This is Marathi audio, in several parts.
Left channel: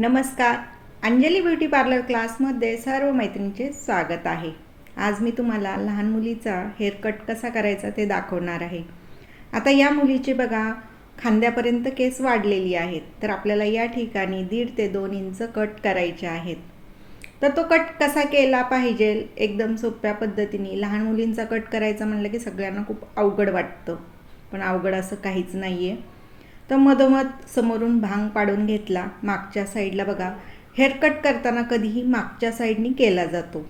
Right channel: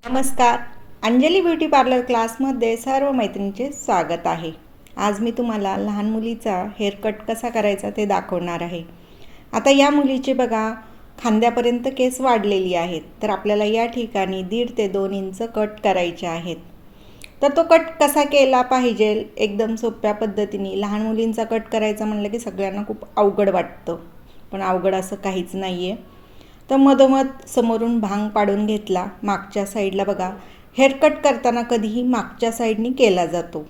नमस्कार. अंजली ब्युटी पार्लर क्लासमध्ये सर्व मैत्रिणींचे स्वागत आहे. आज मी तुम्हाला लहान मुलीचा हेअरकट कसा करायचा ते दाखवणार आहे. आता या मुलीचे बघा खांद्यापर्यंत केस वाढलेली आहेत तर आपल्याला या ठिकाणी दीड ते दोन इंच कट करायचे आहेत. तर तो कट कसा केला पाहिजे? एकदम सोप्या पद्धतीने लहान मुलींचा कट करायचा म्हणलं की सगळ्यांना खूप अवघड वाटतं. पण अवघड असं काहीच नाही आहे तर मधोमध समोरून भांग पाडून घेतला. मागच्या साईडला बघा हेअरकट करताना कधीही मागच्या साईडनी केला जातो.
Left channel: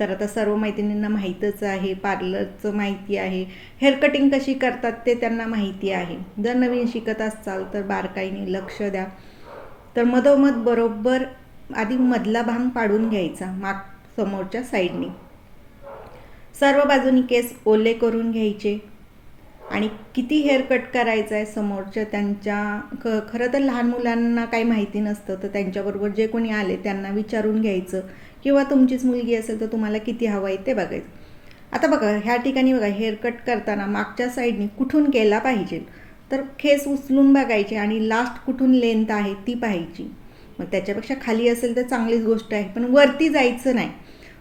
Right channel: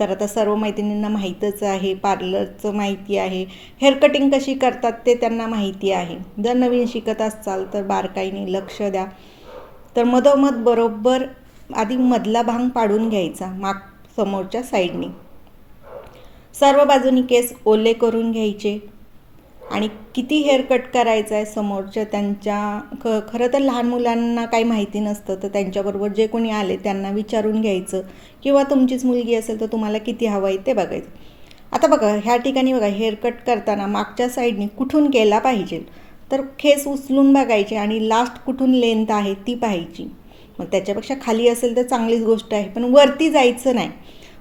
तर आता सर्व मैत्रिणींना माहीतच आहे पार्लरचं माहिती आहे हेअर कटिंग कशी करतात ते त्यांना माहिती आहे. जर नवीन शिकत असाल तर बारकाईने लक्ष द्या. तर मधोमध बरोबर आधी मधला भांग पाडून घ्यायचा माग समोरच्या साईडनी. सर्व बाजूनी केस ओले करून घ्यायचे. आणि किती हेअर कट करायचं आहे समोरच्या त्यांच्या ख खरं तर लहान मुलांना काही माहिती नसतं तर त्यांच्याबरोबर जे कोणी आले त्यांना विचारून घ्यायचं. किंवा तुमचीच मुलगी असेल तर तुम्हाला किती हवं आहे ते बघायचं. आता बघा ह्या ठिकाणी बघा हेअर कट करताना मागच्या साईडने कुठून केला पाहिजे? तर खेस उचलून बघायचे आणि लास्ट कुठून लेंथ आहे ती पाहायची. मग त्याच्यापेक्षा खाली असेल तर चांगलीच गोष्ट आहे पण वरती जायचं नाही.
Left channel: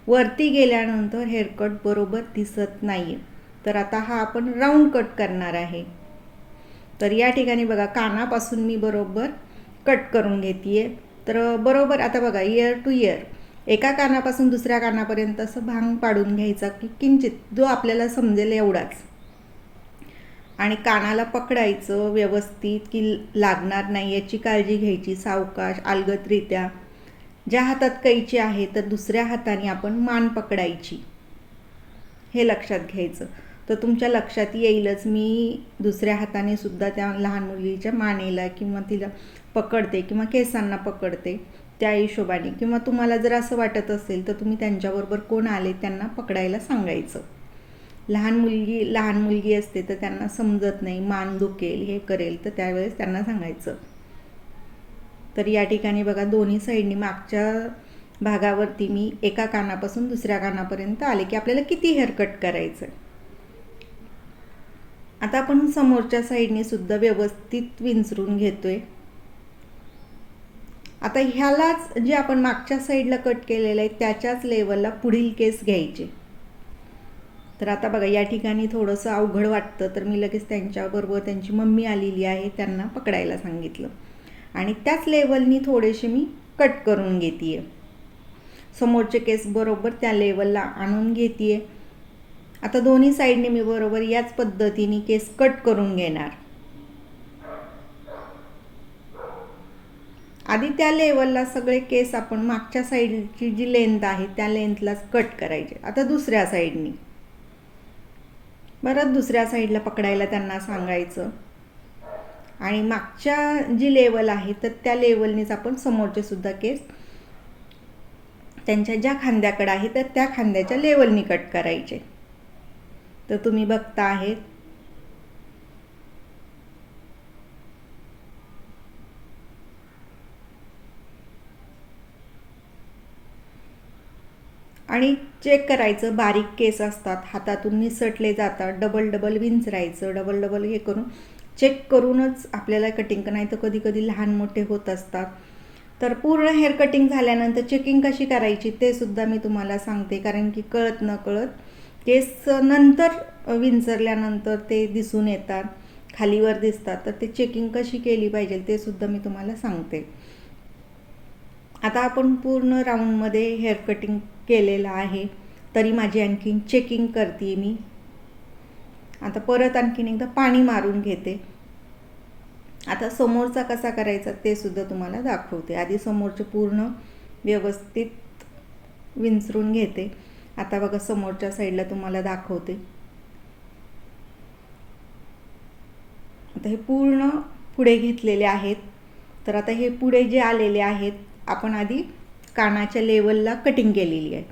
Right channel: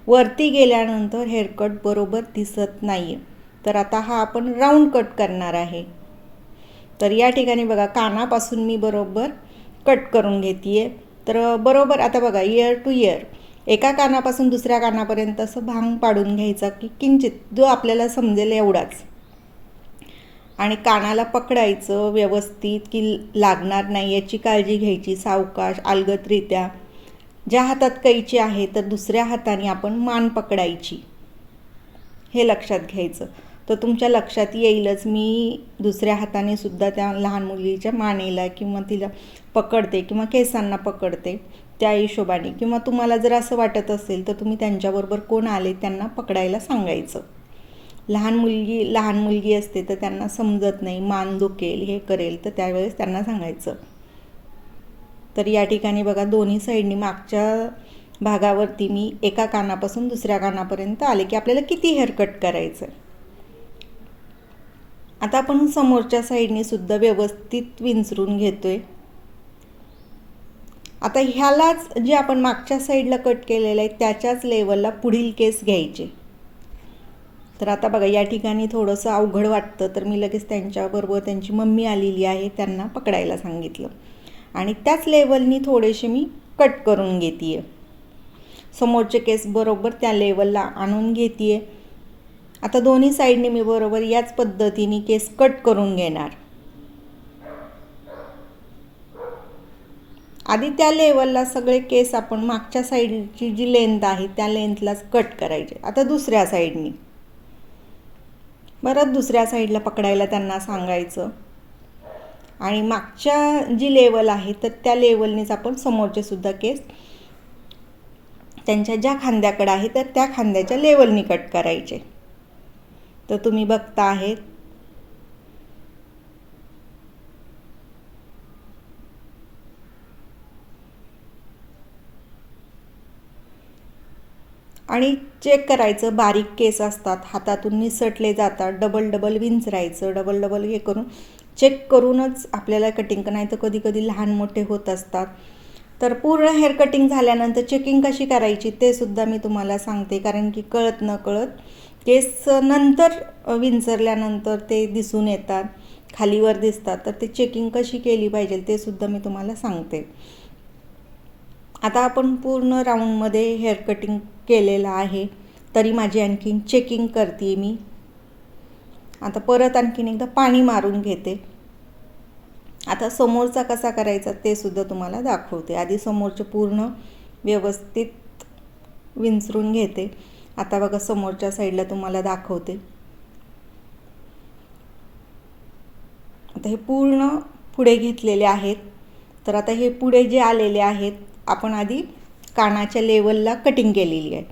वरती गेल्यानंतर हेअरकट बरोबर दिसत नाही आहे तर आता हा आपण राऊंड कट करणार आहे. तर या ठिकाणी बघा कानापासून मी बरोबर कट करून घेते आहे तर बरोबर आता बघा इयर टू इयर एका कानापासून दुसऱ्या कानापर्यंत असं भांग पाडून घ्यायचा की किंचित जो आपल्याला समजेल एवढाच. आणि कानाला पकडायचं व्यवस्थित की लागणार नाही याची काळजी घ्यायची सावकाश अलगतरित्या ज्या हातात कैची आहे तर दुसऱ्या हाताने आपण मान पकडायची. हे लक्षात घ्यायचं. तर तुमच्या लक्षात येईलच. मी दुसऱ्या हाताने सुद्धा त्या लहान मुलीच्या मानेला किंवा तिला पकडते किंवा केसांना पकडते त्या हिशोबाने. किंवा तुम्हाला जर असं वाटत असेल तर तुम्ही त्यांच्याबरोबर कोण आले त्यांना पकडायला सांगायचं. लहान मुलगी लहान मुलगी असते तर त्यांना समजत नाही मान दुखेल हे करेल तर त्यावेळेस त्यांना सांगायचं. तर या ठिकाणी बघा दोन्ही साईडनी मागच्या भागावरती मी एका कानापासून दुसऱ्या कानापर्यंत आले की आपल्याला किती हेअरकट करायचं आहे आता आपण समोरच्या साईडने सुद्धा व्यवस्थित विंचरून घेतोय. आता ह्यालाच जे आपण मागच्या साईडला कट केलेलं आहे त्याच्याच लेवलला पुढील केस घ्यायचे. तर आता बघा या ठिकाणी थोडंसं अवघड वाटतं तर मी लगेच त्यांच्याबरोबर त्यांची मम्मी आलेली आहे त्यांना पकडायला सांगितलं. आणि त्याच लेवलनी थोडेसे मी कट करून घेते आहे समोरचे केस बरोबर त्या लेवलला आणून घेते आहे आता दोन्ही साईडने मी बरोबर याच पद्धतीने केस कट करून घेणार. आधी त्या लेवलला सगळे केस आपण मागच्या साईडची जी लेंथ आहे त्या लेंथलाच कट करायचे. आता दुसऱ्या साईडनी. परत दुसऱ्या साईडला पकडायला त्यांना सांगायचं. आणि मागच्या जी लेवल आहे तर त्या लेवलनेच आपण समोरचे सुद्धा केस त्यांच्या ज्या खांद्याकडे आहे तर त्या खांद्याच्या लेवलनी कट करायचे. तर तुम्ही बघता आहेत आणि चेक करायचं बारीक केस असतात हातातून निसटले जातात डबल डबल विंचरायचं डबल डबल हे करून चेक करूनच आपल्याला कटिंग नाही तर कधी कधी लहान मोठे होत असतात. तर पूर्ण हेअर कटिंग झाल्यानंतर चेकिंग कशी करायची ते सुद्धा मी तुम्हाला सांगते कारण की कळत न कळत केस नंतर विंचरल्यानंतर ते दिसून येतात. खालीवर दिसतात. तर ते चेकिंग कशी केली पाहिजे ते सुद्धा मी तुम्हाला सांगते. आता आपण पूर्ण राऊंडमध्ये हेअर कटिंग केलेलं आहे. तरी माझी आणखीन चेकिंग करते मी. आता परत आणखीन एकदा पाणी मारून घेते. आता समोरचा कसा करायचा ते सुद्धा तुम्हाला दाखवते. आधी समोरचे पूर्ण व्यवस्थित विंचरून घेते. आता बघा समोरच्या साईडला तुम्हाला दाखवते. आता हे पूर्ण पुढे घेतलेले आहेत. तर आता हे पुढे जे आलेले आहेत आपण आधी कानाच्या लेवलला कटिंग केलेली आहे.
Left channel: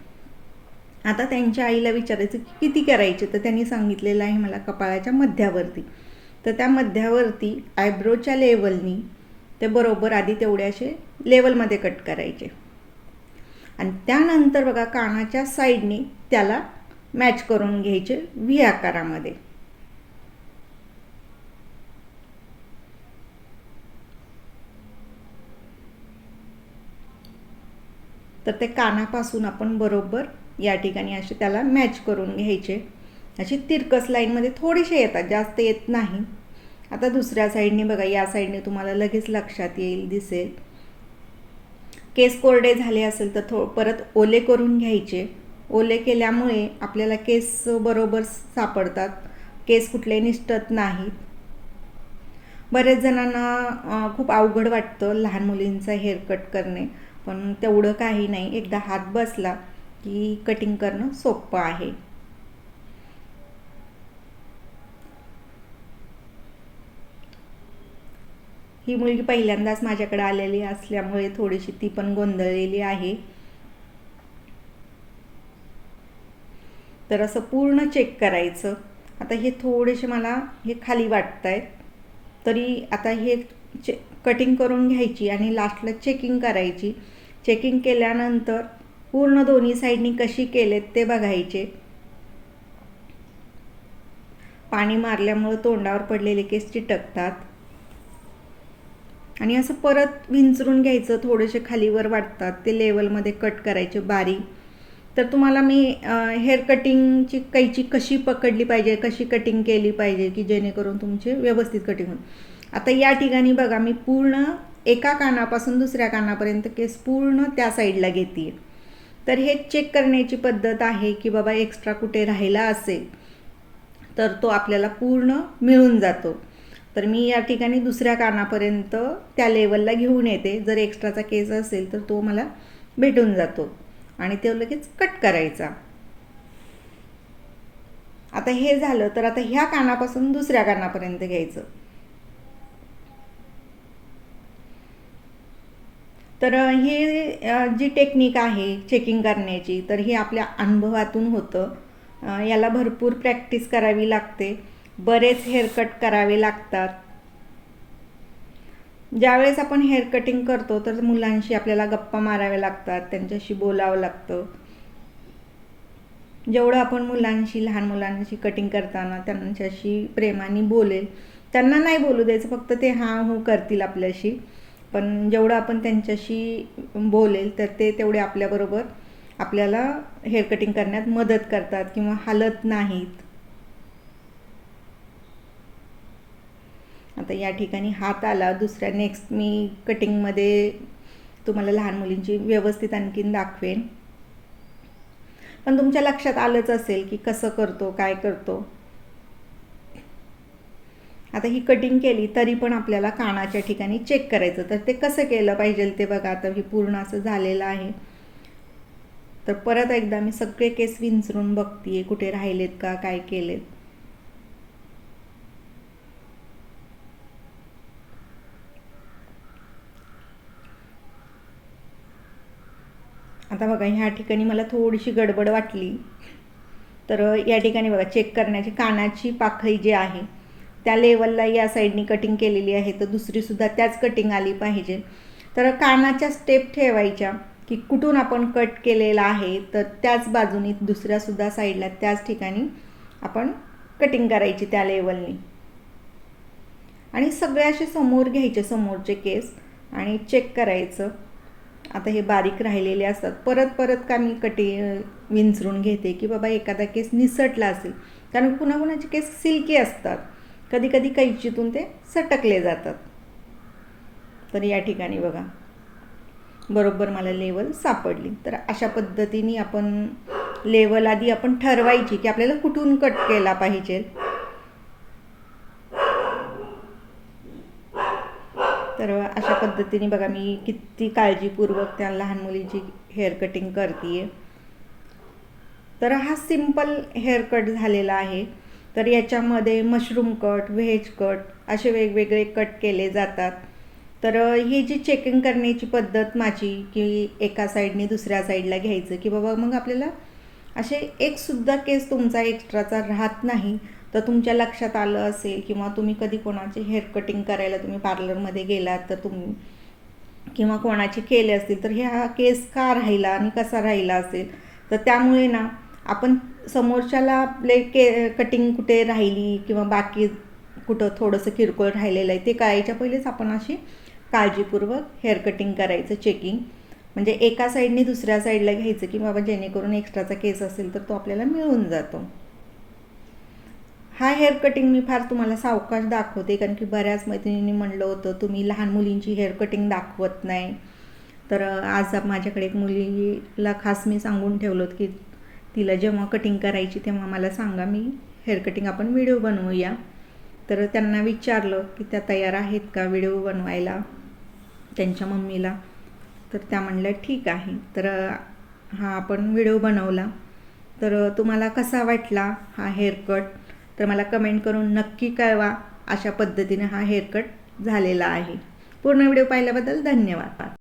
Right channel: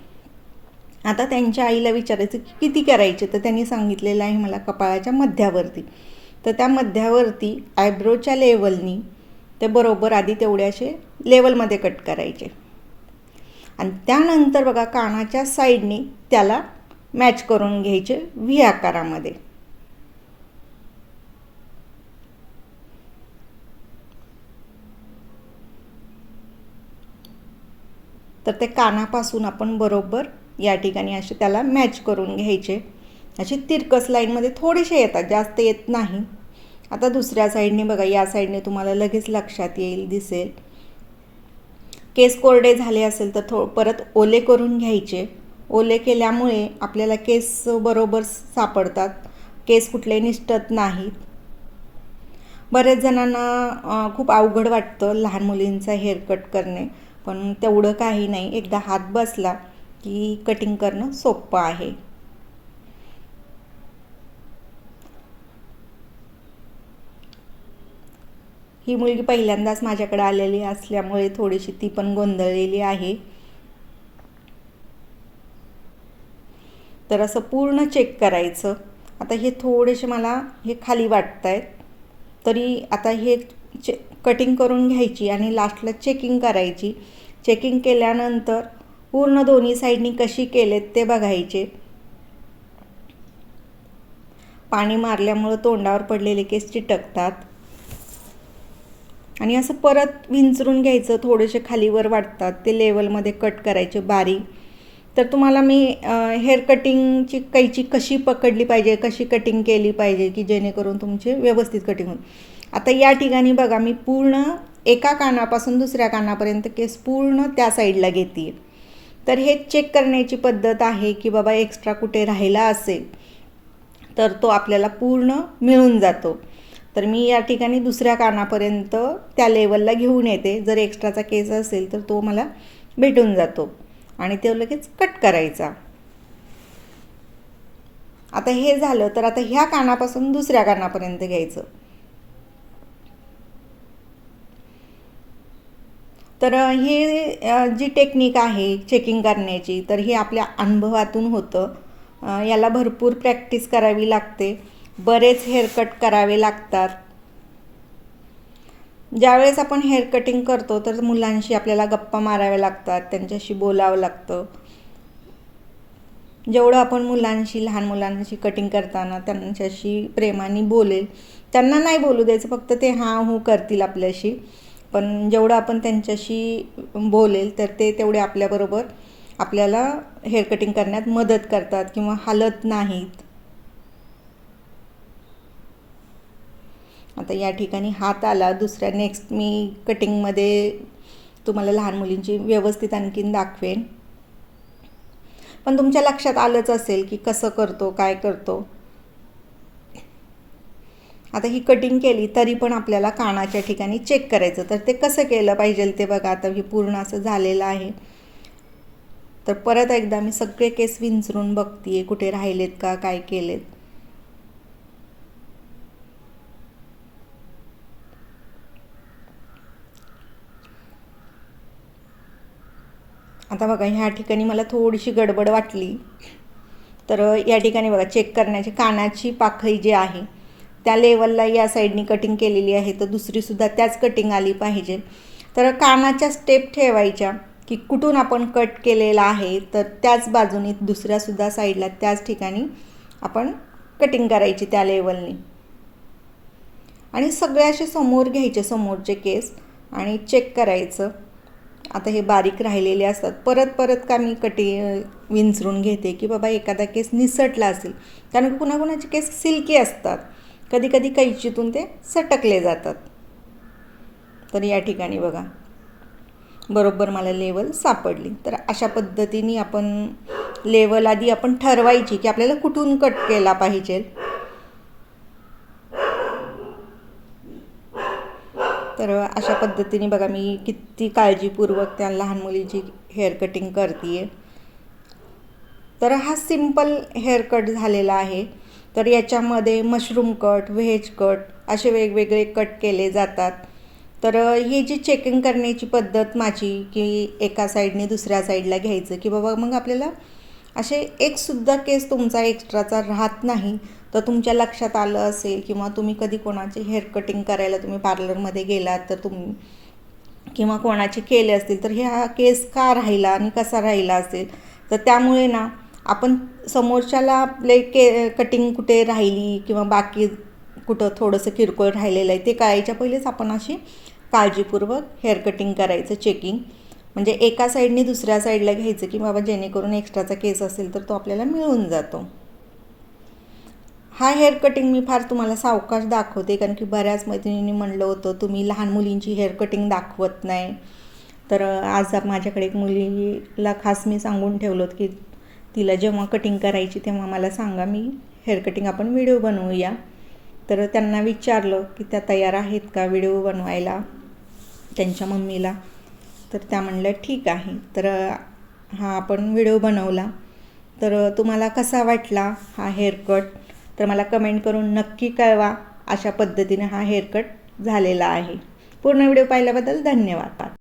आता त्यांच्या आईला विचारायचं की किती करायचे? तर त्यांनी सांगितलेलं आहे मला कपाळाच्या मध्यावरती. तर त्या मध्यावरती आयब्रोच्या लेवलनी ते बरोबर आधी तेवढ्याशे लेवलमध्ये कट करायचे. आणि त्यानंतर बघा कानाच्या साईडने त्याला मॅच करून घ्यायचे व्ही आकारामध्ये. तर ते कानापासून आपण बरोबर या ठिकाणी असे त्याला मॅच करून घ्यायचे. अशी तिरकस लाईनमध्ये थोडेसे येतात जास्त येत नाही. आता दुसऱ्या साईडने बघा या साईडने तुम्हाला लगेच लक्षात येईल दिसेल. केस कोरडे झाले असेल तर थो परत ओले करून घ्यायचे. ओले केल्यामुळे आपल्याला केस बरोबर सापडतात. केस कुठले निष्ठत नाहीत. बऱ्याच जणांना खूप अवघड वाटतं लहान मुलींचा हेअर कट करणे. पण तेवढं काही नाही. एकदा हात बसला की कटिंग करणं सोपं आहे. ही मुलगी पहिल्यांदाच माझ्याकडे आलेली असल्यामुळे थोडीशी ती पण गोंधळलेली आहे. तर असं पूर्ण चेक करायचं. आता हे थोडेसे मला हे खाली वाटत आहेत तरी आता हे चे कटिंग करून घ्यायची आणि लास्टला चेकिंग करायची. चेकिंग केल्यानंतर पूर्ण दोन्ही साईडनी कशी केलेत ते बघायचे. पाणी मारल्यामुळं तोंडावर पडलेले केस चिटकतात. आणि असं परत विंचरून घ्यायचं थोडेसे खालीवर वाटतात ते लेवलमध्ये कट करायचे बारीक. तर तुम्हाला मी हेअर कटिंगची कैची कशी पकडली पाहिजे कशी कटिंग केली पाहिजे की जेणेकरून तुमचे व्यवस्थित कटिंग होईल. आता या ठिकाणी बघा मी पूर्ण एका कानापासून दुसऱ्या कानापर्यंत केस पूर्ण त्या साईडला घेते. तर हे चेक करण्याची पद्धत आहे की बाबा एक्स्ट्रा कुठे राहिला असेल तर तो आपल्याला पूर्ण मिळून जातो. तर मी या ठिकाणी दुसऱ्या कानापर्यंत त्या लेवलला घेऊन येते. जर एक्स्ट्राचा केस असेल तर तो मला भेटून जातो. आणि तो लगेच कट करायचा. आता हे झालं तर आता ह्या कानापासून दुसऱ्या कानापर्यंत घ्यायचं. तर हे जी टेक्निक आहे चेकिंग करण्याची तर हे आपल्या अनुभवातून होतं. याला भरपूर प्रॅक्टिस करावी लागते. बरेच हेअरकट करावे लागतात. ज्यावेळेस आपण हेअर कटिंग करतो तर मुलांशी आपल्याला गप्पा माराव्या लागतात त्यांच्याशी बोलावं लागतं. जेवढं आपण मुलांशी लहान मुलांशी कटिंग करताना त्यांच्याशी प्रेमाने बोलेल त्यांना नाही बोलू द्यायचं फक्त ते हां हो करतील आपल्याशी. पण जेवढं आपण त्यांच्याशी बोलेल तर ते तेवढे आपल्याबरोबर आपल्याला हेअर कटिंग करण्यात मदत करतात किंवा हालत नाहीत. आता या ठिकाणी हात आला. दुसऱ्या नेक्स्ट मी कटिंगमध्ये तुम्हाला लहान मुलींची व्यवस्थित आणखीन दाखवेन. पण तुमच्या लक्षात आलंच असेल की कसं करतो काय करतो. आता ही कटिंग केली तरी पण आपल्याला कानाच्या ठिकाणी चेक करायचं. तर ते कसं केलं पाहिजे ते बघा. आता हे पूर्ण असं झालेलं आहे. तर परत एकदा मी सगळे केस विंचरून बघतीये कुठे राहिलेत का काय केलेत. आता बघा ह्या ठिकाणी मला थोडीशी गडबड वाटली. तर या ठिकाणी बघा चेक करण्याची कानाची पाखळी जी आहे त्या लेवलला या साईडनी कटिंग केलेली आहे. तर दुसरीसुद्धा त्याच कटिंग आली पाहिजे. तर कानाच्या स्टेप ठेवायच्या की कुठून आपण कट केलेला आहे तर त्याच बाजूनी दुसऱ्यासुद्धा साईडला त्याच ठिकाणी आपण कटिंग करायची त्या लेवलनी आणि सगळे असे समोर घ्यायचे समोरचे केस आणि चेक करायचं. आता हे बारीक राहिलेले असतात. परत परत का मी कटी विंचरून घेते की बाबा एखादा केस निसटला असेल. कारण पुन्हा कुणाचे केस सिल्की असतात. कधी कधी कैचीतून ते सटकले जातात. तर या ठिकाणी बघा. बरोबर मला लेवल सापडली. तर अशा पद्धतीने आपण लेवल आधी आपण ठरवायची की आपल्याला कुठून कट केला पाहिजे. तर अशा पद्धतीने बघा मी किती काळजीपूर्वक त्या लहान मुलीची हेअर कटिंग करते तर हा सिंपल हेअर कट झालेला आहे. तर याच्यामध्ये मशरूम कट व्हेज कट असे वेगवेगळे कट केले जातात. तर ही जी चेकिंग करण्याची पद्धत माझी की एका साईडने दुसऱ्या साईडला घ्यायचं की बाबा मग आपल्याला असे एकसुद्धा केस तुमचा एक्स्ट्राचा राहत नाही. तर तुमच्या लक्षात आलं असेल किंवा तुम्ही कधी कोणाचे हेअर कटिंग करायला तुम्ही पार्लरमध्ये गेलात तर तुम्ही किंवा कोणाचे केले असतील तर ह्या केस का राहिला आणि कसा राहिला असेल? तर त्यामुळे ना आपण समोरच्याला आपले के कटिंग कुठे राहिली किंवा बाकी कुठं थोडंसं किरकोळ राहिलेलं आहे ते कळायच्या पहिलेच आपण अशी काळजीपूर्वक हेअर कटिंग करायचं चेकिंग म्हणजे एका साईडने दुसऱ्या साईडला घ्यायचं की बाबा जेणेकरून एक्स्ट्राचा केस असेल तर तो आपल्याला मिळून जातो. हा हेअर कटिंग मी फार तुम्हाला सावकाश दाखवते कारण की बऱ्याच मैत्रिणींनी म्हणलं होतं तुम्ही लहान मुलींची हेअर कटिंग दाखवत नाही. तर आज माझ्याकडे एक मुलीला खास मी सांगून ठेवलं होतं की तिला जेव्हा कटिंग करायची तेव्हा मला सांगा मी हेअर कटिंग आपण व्हिडिओ बनवूया. तर त्यांना विचारलं की त्या तयार आहेत का व्हिडिओ बनवायला? त्यांच्या मम्मीला. तर त्या म्हणल्या ठीक आहे. तर हा आपण व्हिडिओ बनवला. तर तुम्हाला कसा वाटला हा हेअर कट तर मला कमेंट करून नक्की कळवा अशा पद्धतीने हा हेअरकट झालेला आहे. पूर्ण व्हिडिओ पाहिल्याबद्दल धन्यवाद.